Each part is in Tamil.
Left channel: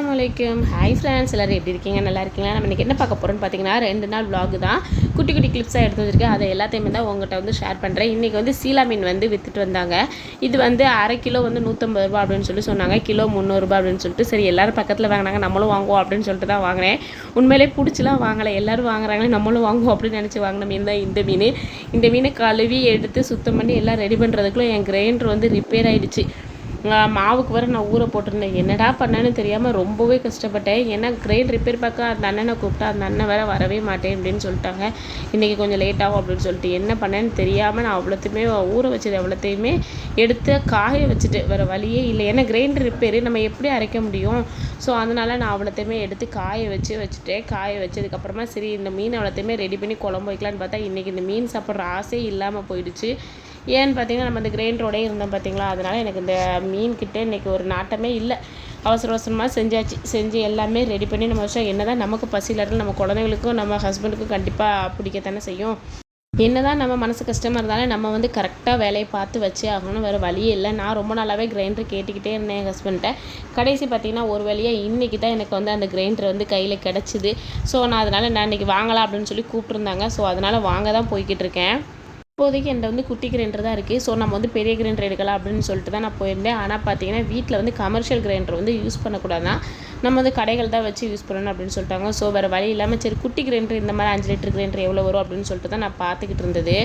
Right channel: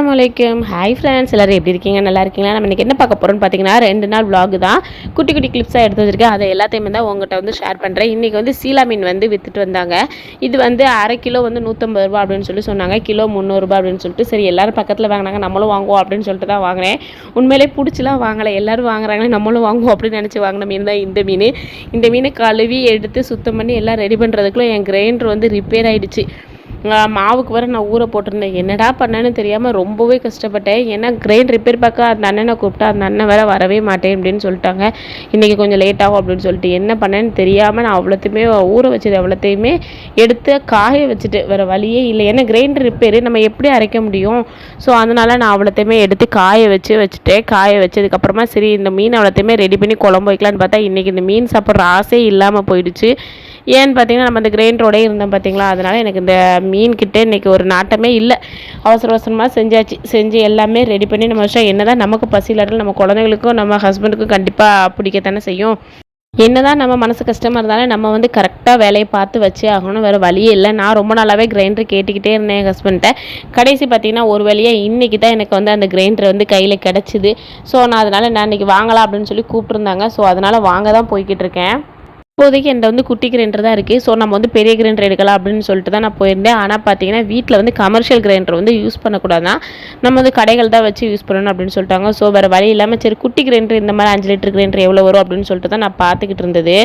அஸ்ஸலாமு அலைக்கும். ஹாய் ஃப்ரெண்ட்ஸ் எல்லோரும் எப்படி இருக்கீங்க? நல்லா இருக்கீங்களா? நம்ம இன்றைக்கி என்ன பார்க்க போகிறோம்னு பார்த்தீங்கன்னா ரெண்டு நாள் vlog தான். குட்டி குட்டி கிளிப்ஸாக எடுத்து வச்சிருக்கேன். அதை எல்லாத்தையுமே தான் உங்கள்கிட்ட வந்து ஷேர் பண்ணுறேன் இன்றைக்கி வந்து சீலா மீன் வந்து விற்றுட்டு வந்தாங்க. இது வந்து அரை கிலோ வந்து நூற்றம்பது ரூபா அப்படின்னு சொல்லி சொன்னாங்க. கிலோ முந்நூறுரூபா அப்படின்னு சொல்லிட்டு சரி எல்லாரும் பக்கத்தில் வாங்கினாங்க. நம்மளும் வாங்குவோம் அப்படின்னு சொல்லிட்டு தான் வாங்கினேன். உண்மையிலே பிடிச்சிலாம் வாங்கலை. எல்லோரும் வாங்குறாங்களே நம்மளும் வாங்குவோம் அப்படின்னு நினச்சி வாங்கின மீன் தான் இந்த மீன். இந்த மீனை கழுவி எடுத்து சுத்தம் பண்ணி எல்லாம் ரெடி பண்ணுறதுக்குள்ளே என் கிரைண்டர் வந்து ரிப்பேர் ஆகிடுச்சு மாவுக்கு வர நான் ஊற போட்டிருந்தேன். என்னடா பண்ணேன்னு தெரியாமல் ரொம்பவே கஷ்டப்பட்டேன். ஏன்னா கிரெயின் ரிப்பேர் பார்க்க அந்த அண்ணனை கூப்பிட்டா அந்த அண்ணன் வேற வரவே மாட்டேன் அப்படின்னு சொல்லிட்டாங்க. இன்றைக்கி கொஞ்சம் லேட் ஆகும் அப்படின்னு சொல்லிட்டு என்ன பண்ணேன்னு தெரியாமல் நான் அவ்வளோத்தையுமே ஊற வச்சது அவ்வளோத்தையுமே எடுத்து காய வச்சுட்டு வேறு வழியே இல்லை. ஏன்னா கிரைண்டர் ரிப்பேர் நம்ம எப்படி அரைக்க முடியும்? ஸோ அதனால் நான் அவ்வளோத்தையுமே எடுத்து காய வச்சு வச்சுட்டேன். காய வச்சதுக்கப்புறமா சரி இந்த மீன் அவ்வளோத்தையுமே ரெடி பண்ணி குழம்பு வைக்கலான்னு பார்த்தா இன்றைக்கி இந்த மீன் சாப்பிட்ற ஆசையே இல்லாமல் போயிடுச்சு. ஏன்னு பார்த்தீங்கன்னா நம்ம அந்த கிரைண்டரோடய இருந்தோம் பார்த்தீங்களா அதனால் எனக்கு இந்த மீன்கிட்ட இன்றைக்கி ஒரு நாட்டமே இல்லை. அவசர அவசரமாக செஞ்சாச்சு. செஞ்சு எல்லாமே ரெடி பண்ணி நம்ம வச்சா என்ன தான் நமக்கு பசியில் நம்ம குழந்தைங்களுக்கும் நம்ம ஹஸ்பண்டுக்கும் கண்டிப்பாக பிடிக்கத்தானே செய்யும். என்னதான் நம்ம மனசு கஷ்டமாக இருந்தாலும் நம்ம வந்து கரெக்டாக வேலையை பார்த்து வச்சே ஆகணும். வேறு வழியே இல்லை. நான் ரொம்ப நாளாகவே கிரைண்டர் கேட்டுக்கிட்டே இருந்தேன் என் ஹஸ்பண்ட்டை கடைசி பார்த்தீங்கன்னா ஒரு வழியாக இன்றைக்கி தான் எனக்கு வந்து அந்த கிரைண்டர் வந்து கையில் கிடச்சிது. ஸோ நான் அதனால் நான் இன்றைக்கி வாங்கலாம் அப்படின்னு சொல்லி கூப்பிட்ருந்தாங்க ஸோ அதனால் வாங்க தான் போய்கிட்டு இருக்கேன். இப்போதைக்கு என்கிட்ட வந்து குட்டி கிரைண்டர் தான் இருக்குது ஸோ நம்ம வந்து பெரிய கிரைண்டர் எடுக்கலாம் அப்படின்னு சொல்லிட்டு தான் நான் போயிருந்தேன். ஆனால் பார்த்தீங்கன்னா வீட்டில் வந்து கமர்ஷியல் கிரைண்டர் வந்து யூஸ் பண்ணக்கூடாதான் நம்ம வந்து கடைகள் தான் வச்சு யூஸ் பண்ணணும் அப்படின்னு சொல்லிட்டாங்க. ஸோ வேறு வழி இல்லாமல் சரி குட்டி கிரைண்டர் இந்த மாதிரி அஞ்சு லிட்டர் கிரைண்டர் எவ்வளோ வரும் அப்படின்னு சொல்லிட்டு தான் நான் பார்த்துக்கிட்டு இருந்தது.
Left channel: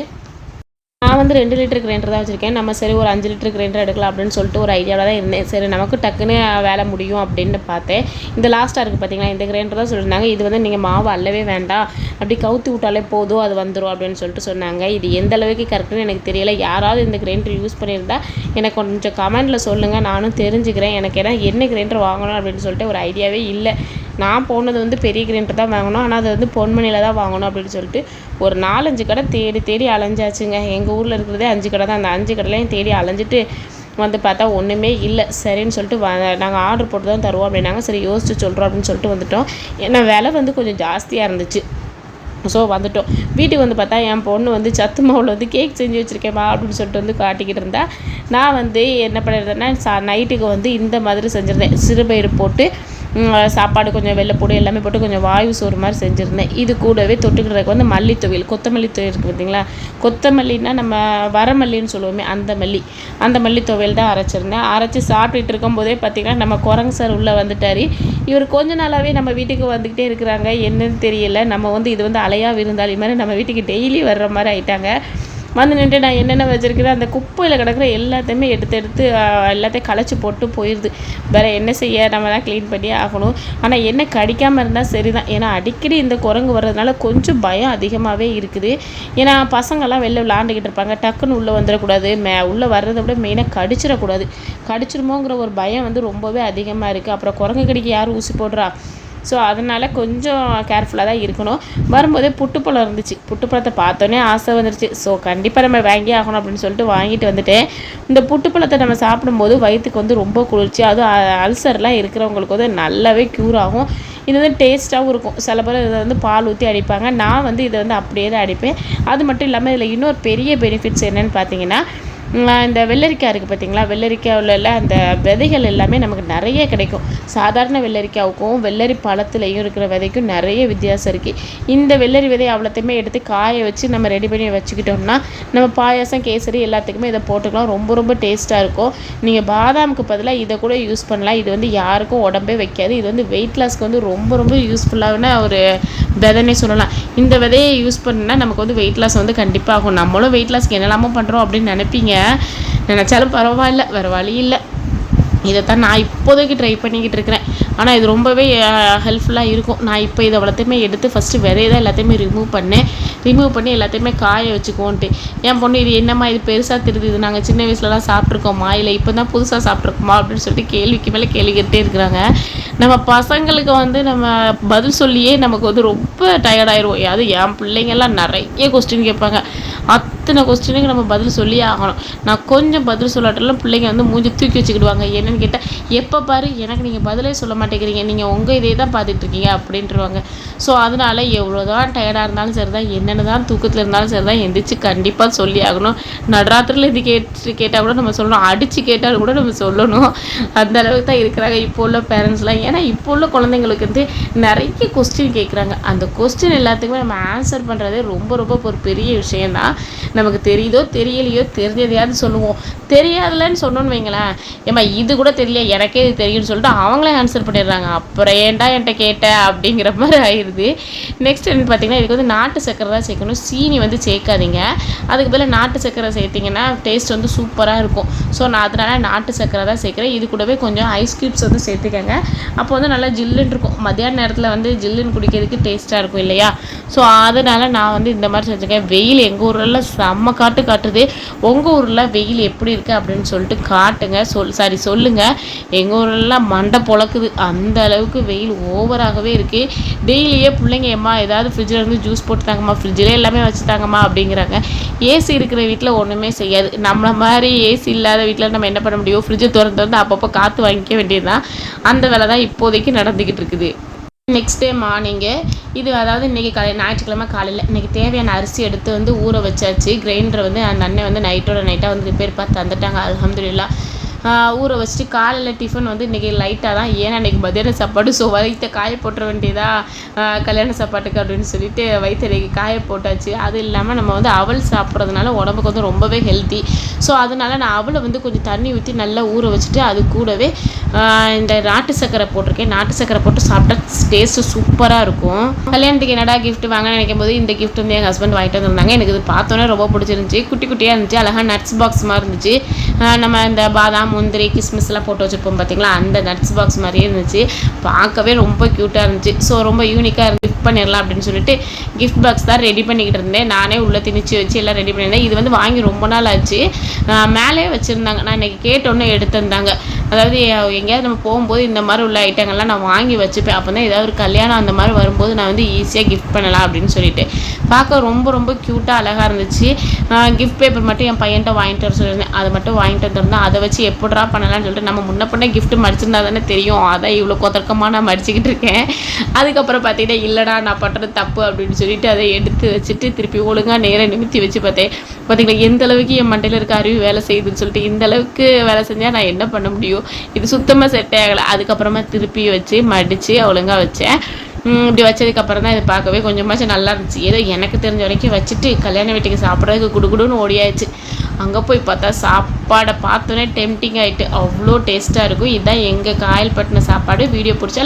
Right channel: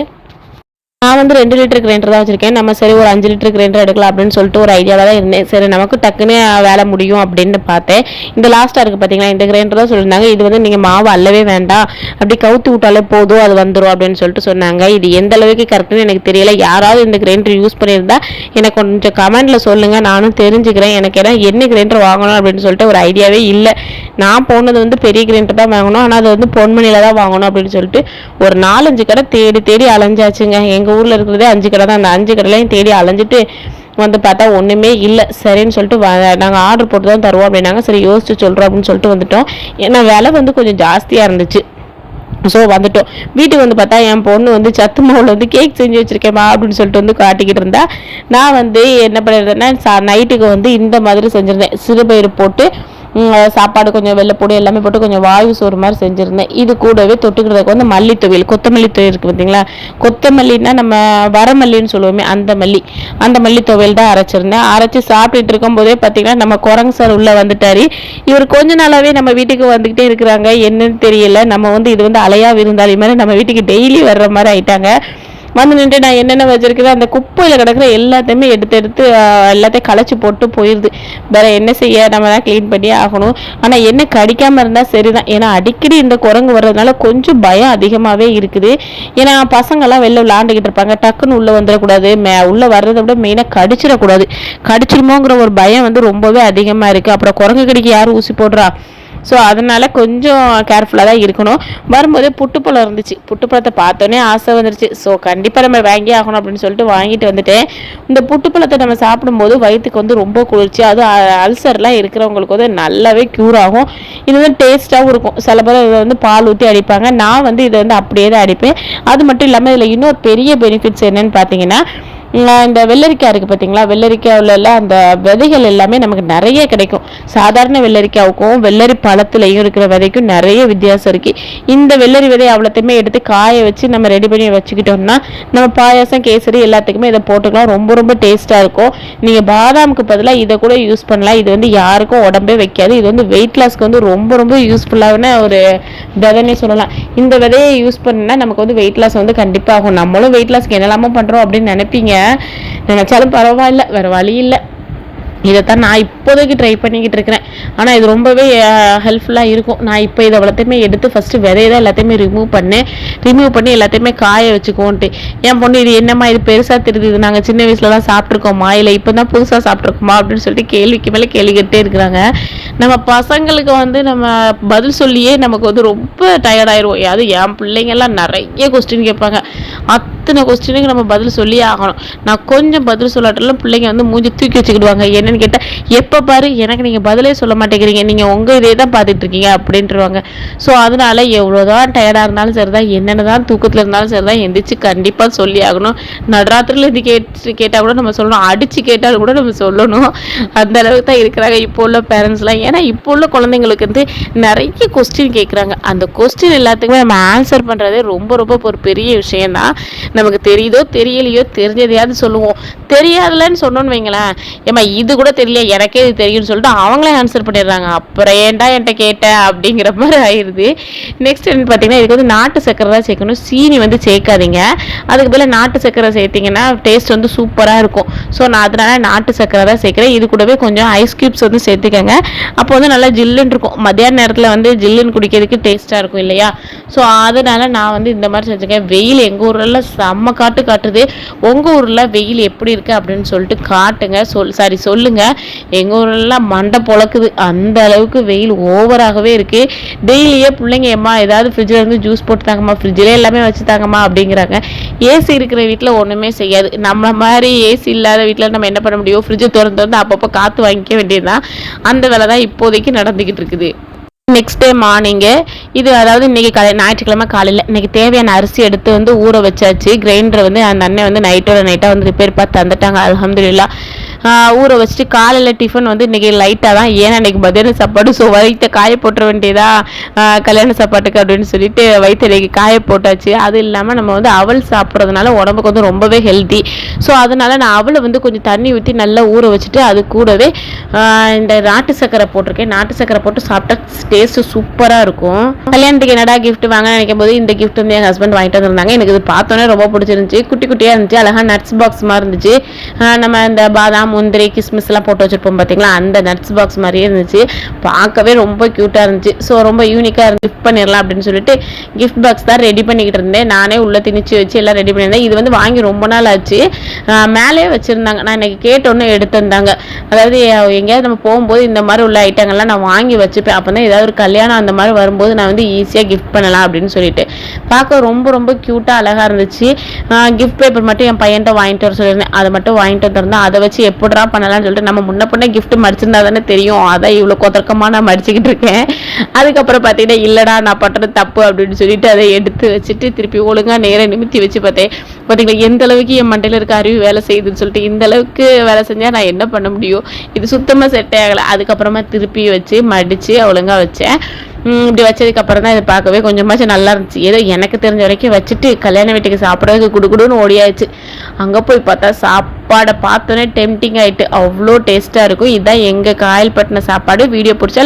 நான் வந்து ரெண்டு லிட்டர் கிரைண்டர் தான் வச்சுருக்கேன். நம்ம சரி ஒரு அஞ்சு லிட்டர் கிரைண்டர் எடுக்கலாம் அப்படின்னு சொல்லிட்டு ஒரு ஐடியாவில் தான் இருந்தேன். சரி நமக்கு டக்குன்னு வேலை முடியும் அப்படின்னு பார்த்தேன். இந்த லாஸ்ட்டாக இருக்குது பார்த்தீங்களா இந்த கிரைண்டர் தான் சொல்லியிருந்தாங்க. இது வந்து நீங்கள் மாவு அல்லவே வேண்டாம். அப்படி கவுத்து விட்டாலே போதும் அது வந்துடும் அப்படின்னு சொல்லிட்டு சொன்னாங்க. இது எந்த அளவுக்கு கரெக்டுன்னு எனக்கு தெரியல. யாராவது இந்த கிரைண்டர் யூஸ் பண்ணியிருந்தா எனக்கு கொஞ்சம் கமெண்ட்டில் சொல்லுங்கள் நானும் தெரிஞ்சுக்கிறேன். எனக்கு ஏன்னா என்ன கிரைண்டர் வாங்கணும் அப்படின்னு சொல்லிட்டு ஒரு ஐடியாவே இல்லை. நான் போனது வந்து பெரிய கிரைண்டர் தான் வாங்கணும். ஆனால் அது வந்து பொன்மணியில் தான் வாங்கணும் அப்படின்னு சொல்லிட்டு ஒரு நாலஞ்சு கடை தேடி தேடி அலைஞ்சாச்சுங்க. எங்கள் ஊர் ஊரில் இருக்கிறதே அஞ்சு கடை தான். அந்த அஞ்சு கடையிலையும் தேடி அலைஞ்சிட்டு வந்து பார்த்தா ஒன்றுமே இல்லை. சரின்னு சொல்லிட்டு நாங்கள் ஆர்டர் போட்டு தான் தருவோம் அப்படின்னாங்க. சரி யோசிச்சு சொல்கிறோம் அப்படின்னு சொல்லிட்டு வந்துட்டோம். ஏன்னா விலை வந்து கொஞ்சம் ஜாஸ்தியாக இருந்துச்சு. ஸோ வந்துட்டோம். வீட்டுக்கு வந்து பார்த்தா என் பொண்ணு வந்து சத்து மாவில் வந்து கேக் செஞ்சு வச்சுருக்கேம்மா அப்படின்னு சொல்லிட்டு வந்து காட்டிக்கிட்டு இருந்தா. நான் வந்து என்ன பண்ணுறதுன்னா சா நைட்டுக்கு வந்து இந்த மாதிரி செஞ்சுருந்தேன். சிறுபயிறு போட்டு சாப்பாடு கொஞ்சம் வெள்ளைப்பூடு எல்லாமே போட்டு கொஞ்சம் வாயு சோறு மாதிரி செஞ்சுருந்தேன். இது கூடவே தொட்டுக்கிறதுக்கு வந்து மல்லி கொத்தமல்லி தொயில் இருக்குது பார்த்தீங்களா? கொத்தமல்லின்னா நம்ம வரமல்லின்னு சொல்லுவோமே அந்த மல்லி. அந்த மல்லி துவையல் தான் அரைச்சிருந்தேன். அரைச்சி சாப்பிட்டுட்டு இருக்கும்போதே பார்த்தீங்கன்னா நம்ம குரங்கு சார் உள்ளே வந்துட்டார். இவர் கொஞ்ச நாளாகவே நம்ம வீட்டுக்கு வந்துக்கிட்டே இருக்கிறாங்க. என்னன்னு தெரியல. நம்ம வந்து இது வந்து அலையா விருந்தாளி மாதிரி நம்ம வீட்டுக்கு டெய்லி வர்ற மாதிரி ஆயிட்டாங்க. வந்து நின்று நான் என்னென்ன வச்சிருக்கிறேன் அந்த குப்பையில் கிடக்கிற எல்லாத்தையுமே எடுத்து எடுத்து எல்லாத்தையும் களைச்சி போட்டு போயிடுது வேற என்ன செய்ய? நம்ம தான் க்ளீன் பண்ணி ஆகணும். ஆனால் என்ன கடிக்காமல் இருந்தால் சரிதான். ஏன்னா அடிக்கடி இந்த குரங்கு வர்றதுனால கொஞ்சம் பயம் அதிகமாகவே இருக்குது. ஏன்னா பசங்கள்லாம் வெளில விளாண்டுக்கிட்டு இருப்பாங்க. டக்குன்னு உள்ளே வந்துடக்கூடாது. மே உள்ளே வர்றதை விட மெயினாக கடிச்சிடக்கூடாது. கடிச்சிருமோங்கிற ஒரு பயம் வந்து ரொம்பவே அதிகமாக இருக்குது அப்புறம் குரங்கு கடிக்கு யார் ஊசி போடுறா? ஸோ அதனால் கொஞ்சம் கேர்ஃபுல்லாக தான் இருக்கணும். வரும்போது புட்டுப்பழம் இருந்துச்சு. புட்டுப்பழத்தை பார்த்தோன்னே ஆசை வந்துருச்சு. ஸோ கண்டிப்பாக நம்ம வாங்கி ஆகணும் அப்படின்னு சொல்லிட்டு வாங்கிட்டு வந்துட்டேன். இந்த புட்டுப்பழத்தை நம்ம சாப்பிடும்போது வயிற்றுக்கு வந்து ரொம்ப குளிர்ச்சி. அது அல்சர்லாம் இருக்கிறவங்களுக்கு வந்து நல்லாவே க்யூர் ஆகும். இது வந்து டேஸ்ட்டாகவும் இருக்கும். சில பேர் இதை வந்து பால் ஊற்றி அடிப்பாங்க. நான் வந்து இதை வந்து அப்படியே தான் அடிப்பேன். அது மட்டும் இல்லாமல் இதில் இன்னொரு பெரிய பெனிஃபிட்ஸ் என்னன்னு பார்த்தீங்கன்னா இந்த வெள்ளரிக்காய் இருக்குது பார்த்தீங்களா வெள்ளரிக்காயில் அந்த விதைகள் எல்லாமே நமக்கு நிறைய கிடைக்கும். சாதாரண வெள்ளரிக்காவுக்கும் வெள்ளரி பழத்துலையும் இருக்கிற விதைக்கும் நிறைய வித்தியாசம் இருக்குது இந்த வெள்ளரி விதை அவ்வளோத்தையுமே எடுத்து காய வச்சு நம்ம ரெடி பண்ணி வச்சுக்கிட்டோம்னா நம்ம பாயாசம் கேசரி எல்லாத்துக்குமே இதை போட்டுக்கலாம். ரொம்ப ரொம்ப டேஸ்ட்டாக இருக்கும். நீங்கள் பாதாமுக்கு பதிலாக இதை கூட யூஸ் பண்ணலாம். இது வந்து யாருக்கும் உடம்பே வைக்காது. இது வந்து வெயிட் லாஸ்க்கு வந்து ரொம்ப ரொம்ப யூஸ்ஃபுல்லான ஒரு விதைன்னே சொல்லலாம். இந்த விதையை யூஸ் பண்ணால் நமக்கு வந்து வெயிட் லாஸ் வந்து கண்டிப்பாக ஆகும். நம்மளும் வெயிட் லாஸ்க்கு என்னெல்லாமோ பண்ணுறோம் அப்படின்னு நினைப்பீங்க. நினச்சாலும் பரவாயில்ல வேறு வழி இல்லை. இதைத்தான் நான் இப்போதைக்கு ட்ரை பண்ணிக்கிட்டு இருக்கிறேன். ஆனால் இது ரொம்பவே ஹெல்ப்ஃபுல்லாக இருக்கும். நான் இப்போ இதை எல்லாத்தையுமே எடுத்து ஃபஸ்ட்டு விதையை தான் எல்லாத்தையுமே ரிமூவ் பண்ணேன். ரிமூவ் பண்ணி எல்லாத்தையுமே காய வச்சுக்கோன்ட்டு என் பொண்ணு இது என்னம்மா இது பெருசாக தெரியுது நாங்கள் சின்ன வயசுலலாம் சாப்பிட்ருக்கோமா இல்லை இப்போ தான் புதுசாக சாப்பிட்ருக்கோமா அப்படின்னு சொல்லிட்டு கேள்விக்கு மேலே கேள்வி கேட்டே இருக்கிறாங்க. நம்ம பசங்களுக்கு வந்து நம்ம பதில் சொல்லியே நமக்கு வந்து ரொம்ப டயர்டாயிடுவோம் அது என் பிள்ளைங்கெல்லாம் நிறைய கொஸ்டின் கேட்பாங்க. அத்தனை கொஸ்டினுக்கு நம்ம பதில் சொல்லி ஆகணும். நான் கொஞ்சம் பதில் சொல்லாட்டெல்லாம் பிள்ளைங்க வந்து மூஞ்சி தூக்கி வச்சுக்கிடுவாங்க. என்னன்னு கேட்டால் எப்போ பாரு எனக்கு நீங்கள் பதிலே சொல்ல மாட்டேங்கிறீங்க. நீங்கள் உங்கள் இதே தான் பார்த்துட்டு இருக்கீங்க அப்படின்ட்டுருவாங்க ஸோ அதனால எவ்வளோதான் டயர்டாக இருந்தாலும் சரி தான் என்னென்ன தான் தூக்கத்தில் இருந்தாலும் சரி தான் எந்திரிச்சு கண்டிப்பாக சொல்லி ஆகணும். நடராத்திரியில் இது கேட்டு கேட்டால் கூட நம்ம சொல்லணும். அடித்து கேட்டால் கூட நம்ம சொல்லணும். அந்த அளவுக்கு தான் இருக்கிறாங்க இப்போ உள்ள பேரண்ட்ஸ்லாம் ஏன்னா இப்போ உள்ள குழந்தைங்களுக்கு வந்து நிறைய கொஸ்டின் கேட்குறாங்க. அந்த கொஸ்டின் எல்லாத்துக்குமே நம்ம ஆன்சர் பண்ணுறதே ரொம்ப ரொம்ப ஒரு பெரிய விஷயம்தான். நமக்கு தெரியுதோ தெரியலையோ தெரிஞ்சதையாவது சொல்லுவோம். தெரியாதுலன்னு சொன்னோன்னு வைங்களேன். ஏம்மா இது கூட தெரியல எனக்கே இது தெரியும்னு சொல்லிட்டு அவங்களே ஆன்சர் பண்ணிடுறாங்க. அப்புறம் ஏன்டா என்கிட்ட கேட்டேன் அப்படிங்கிற மாதிரி ஆயிடுது நெக்ஸ்ட் என்ன பார்த்தீங்கன்னா இதுக்கு வந்து நாட்டு சக்கரை தான் சேர்க்கணும். சீனி வந்து சேர்க்காதீங்க. அதுக்கு பதில் நாட்டு சக்கரை சேர்த்திங்கன்னா டேஸ்ட் வந்து சூப்பராக இருக்கும். ஸோ நான் அதனால நாட்டு சக்கரை தான் சேர்க்குறேன். இது கூடவே கொஞ்சம் ஐஸ் க்யூப்ஸ் வந்து சேர்த்துக்கங்க. அப்போ வந்து நல்லா ஜில்லுன்னு இருக்கும். மத்தியான நேரத்தில் வந்து ஜில்லுன்னு குடிக்கிறதுக்கு டேஸ்ட்டாக இருக்கும் இல்லையா? ஸோ அதனால் நான் வந்து இந்த மாதிரி செஞ்சுக்கேன் வெயில் எங்கள் ஊரில் செம்ம காட்டு காட்டுது. உங்கள் ஊரில் வெயில் எப்படி இருக்குது அப்படின்னு சொல்லிட்டு காட்டுங்க. சொல் சாரி சொல்லுங்கள் எங்கள் ஊர்லாம் மண்டை பொழக்குது. அந்த அளவுக்கு வெயில் ஓவராகவே இருக்குது டெய்லியே பிள்ளைங்க எம்மா ஏதாவது ஃப்ரிட்ஜில் இருந்து ஜூஸ் போட்டு தாங்கம்மா ஃப்ரிட்ஜில் எல்லாமே வச்சு தாங்கம்மா அப்படிங்கிறாங்க. ஏசி இருக்கிற வீட்டில் ஒன்றுமே செய்யாது. நம்ம மாதிரி ஏசி இல்லாத வீட்டில் நம்ம என்ன பண்ண முடியும்? ஃப்ரிட்ஜை திறந்து வந்து அப்பப்போ காற்று வாங்கிக்க வேண்டியது தான் அந்த வேலை தான் இப்போதைக்கு நடந்துக்கிட்டு இருக்குது. நெக்ஸ்ட் டே மார்னிங்கு இது அதாவது இன்றைக்கி காலை ஞாயிற்றுக்கிழமை காலையில் இன்றைக்கி தேவையான அரிசி எடுத்து வந்து ஊற வச்சாச்சு. கிரைண்டரை வந்து அந்த அண்ணன் வந்து நைட்டோட நைட்டாக வந்து ரிப்பேர் பார்த்து தந்துட்டாங்க. அலமதுல்லா ஊற வச்சுட்டு காலையில் டிஃபன் வந்து இன்றைக்கி லைட்டாக தான். ஏன்னா இன்றைக்கி மதியான சாப்பாடு ஸோ வயிற்ற காய போட்டுற வேண்டியதா கல்யாண சாப்பாட்டுக்கு அப்படின்னு சொல்லிட்டு வயிற்று இன்றைக்கி காய போட்டாச்சு. அது இல்லாமல் நம்ம வந்து அவல் சாப்பிட்றதுனால உடம்புக்கு வந்து ரொம்பவே ஹெல்த்தி ஸோ அதனால் நான் அவளை வந்து கொஞ்சம் தண்ணி ஊற்றி நல்லா ஊற வச்சுட்டு அது கூடவே இந்த நாட்டு சக்கரை போட்டிருக்கேன். நாட்டு சக்கரை போட்டு சாப்பிட்டா டேஸ்ட்டு சூப்பராக இருக்கும். கல்யாணத்துக்கு என்னடா கிஃப்ட் வாங்க நினைக்கும் போது இந்த கிஃப்ட் வந்து எங்கள் ஹஸ்பண்ட் வாங்கிட்டு வந்திருந்தாங்க. எனக்கு இது பார்த்தோன்னே ரொம்ப பிடிச்சிருந்துச்சி. குட்டி குட்டியாக இருந்துச்சு. அழகாக நட்ஸ் பாக்ஸ் மாதிரி இருந்துச்சு. நம்ம இந்த பாதாம் முந்திரி கிஸ்மிஸ்லாம் போட்டு வச்சுருப்போம் பார்த்தீங்களா அந்த நட்ஸ் பாக்ஸ் மாதிரியே இருந்துச்சு. பார்க்கவே ரொம்ப க்யூட்டாக இருந்துச்சு. ஸோ ரொம்ப யூனிக்காக இருந்து கிஃப்ட் பண்ணிடலாம் அப்படின்னு சொல்லிட்டு கிஃப்ட் பாக்ஸ் தான் ரெடி பண்ணிக்கிட்டு இருந்தேன். நானே உள்ளே திணிச்சு வச்சு எல்லாம் ரெடி பண்ணியிருந்தேன். இது வந்து வாங்கி ரொம்ப நாள் ஆச்சு. மேலேயே வச்சுருந்தாங்க. நான் இன்றைக்கி கேட்டோன்னு எடுத்து வந்தாங்க அதாவது எங்கேயாவது நம்ம போகும்போது இந்த மாதிரி உள்ள ஐட்டங்கள்லாம் நான் வாங்கி வச்சுப்பேன். அப்போ தான் ஏதாவது ஒரு கல்யாணம் அந்த மாதிரி வரும்போது நான் வந்து ஈஸியாக கிஃப்ட் பண்ணலாம் அப்படின்னு சொல்லிட்டு. பார்க்க ரொம்ப ரொம்ப க்யூட்டாக அழகாக இருந்துச்சு. கிஃப்ட் பேப்பர் மட்டும் என் பையன்கிட்ட வாங்கிட்டு வர சொல்லியிருந்தேன். அதை மட்டும் வாங்கிட்டு வந்திருந்தேன். அதை வச்சு எப்படா பண்ணலாம்னு சொல்லிட்டு நம்ம முன்ன பண்ண கிஃப்ட் மடிச்சிருந்தா தானே தெரியும். அதான் இவ்வளோ கொதக்கமாக நான் மடிச்சுக்கிட்டு இருக்கேன். அதுக்கப்புறம் பார்த்தீங்கன்னா இல்லைடா நான் பண்ணுறது தப்பு அப்படின்னு சொல்லிட்டு அதை எடுத்து வச்சுட்டு திருப்பி ஒழுங்காக நேரம் நிமித்தி வச்சு பார்த்தேன். பார்த்தீங்களா எந்த அளவுக்கு என் மண்டையில் இருக்க அறிவு வேலை செய்யுதுன்னு சொல்லிட்டு இந்த அளவுக்கு வேலை செஞ்சால் நான் என்ன பண்ண முடியும்? இது சுத்தமாக செட் ஆகலை. அதுக்கப்புறமா திருப்பி வச்சு மடித்து ஒழுங்காக வச்சேன். இப்படி வச்சதுக்கப்புறம் தான் இதை பார்க்கவே கொஞ்சமாச்சும் நல்லா இருந்துச்சு. ஏதோ எனக்கு தெரிஞ்ச வரைக்கும் வச்சுட்டு கல்யாண வீட்டுக்கு சாப்பிட்றதுக்கு குடுக்குடுன்னு ஓடியாச்சு. அங்கே போய் பார்த்தா சாப்பாடை பார்த்தோன்னே டெம்டிங் ஆகிட்டு அவ்வளோ டேஸ்ட்டாக இருக்கும். இதுதான் எங்கள் காயல்பட்டின சாப்பாடு. வீடியோ பிடிச்சா